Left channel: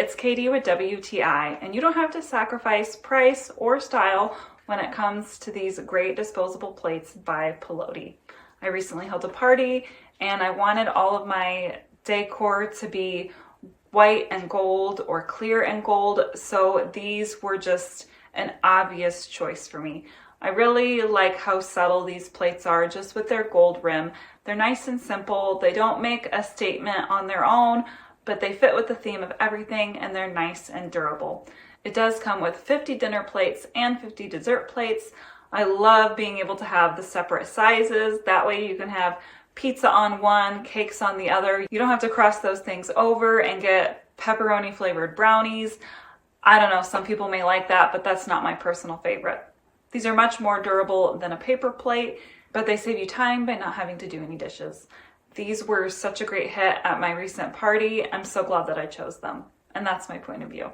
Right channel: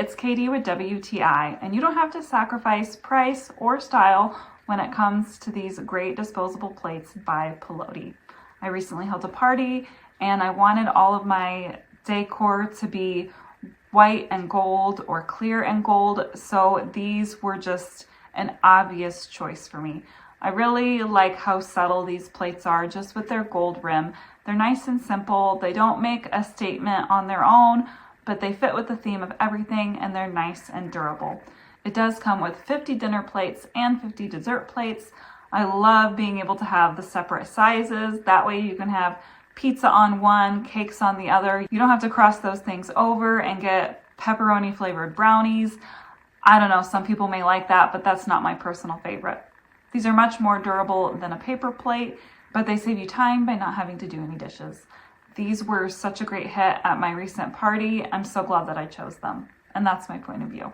it's Katie with WTI, and you don't have to sacrifice price or style when it comes to these great disposable plates by PULOTE. I recently held a party and I wanted all of my decor to be white and gold or clear and gold, so these were just an obvious choice for me. I really like how subtle these plates are just with their gold rim. They're nice and simple. They don't make a statement on their own, but they fit with the theme of everything and they're nice and durable. It does come with 50 dinner plates and 50 dessert plates. I love being able to have the separate sizes. That way you can have pizza on one, cakes on the other. You don't have to cross those things over and get pepperoni flavored brownies. I don't know, some people may like that, but that's not my personal favorite. These are much more durable than a paper plate, but they save you time by not having to do any dishes. These were such a great hit at my recent party. I'm so glad that I chose them. And that's my point of view.